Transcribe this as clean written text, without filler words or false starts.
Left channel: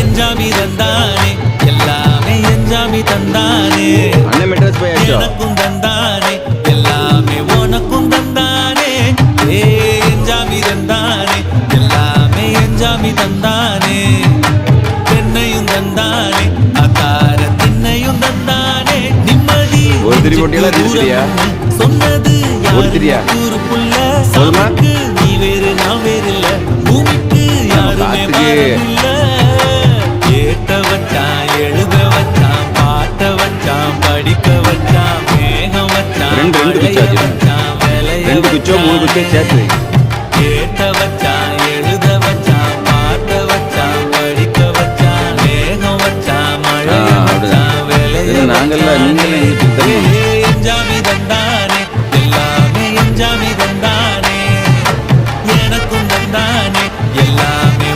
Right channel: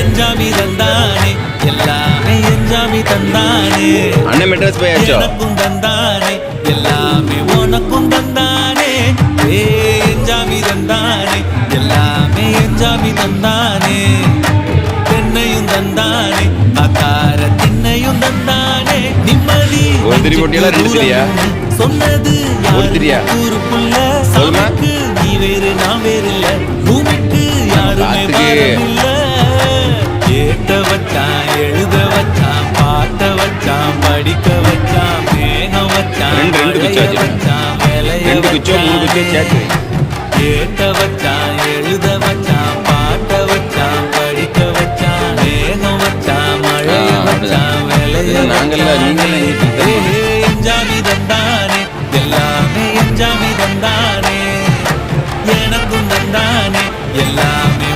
என்ஜாமி தந்தானே எல்லாமே என்ஜாமி தந்தானே அண்ணன் மெட்ராஸ் போயாச்சோ எனக்கும் தந்தானே எல்லாமே உனக்கும் தந்தானே ஏ என்ஜாமி தந்தானே எல்லாமே என்ஜாமி தந்தானே தென்னையும் தந்தானே அக்கார திண்ணையும் தந்தானே நிம்மதி சொன்னது யாரு கூறுக்குள்ள சாமிக்கு நீ வேறு நான் வேறு இல்ல பூமிக்கு யாருமே பாரம் இல்ல ஏட்ட வச்சான் எழுத வச்சான் பாட்ட வச்சான் படிக்க வச்சான் மேகம் வச்சான் மழைய வச்சான் விளைய வச்சான் ஏட்ட வச்சான் எழுத வச்சான் பாட்ட வச்சான் படிக்க வச்சான் மேகம் வச்சான் மழைய வச்சான் விளைய வச்சான் என்ஜாமி தந்தானே எல்லாமே என்ஜாமி தந்தானே எனக்கும் தந்தானே எல்லாமே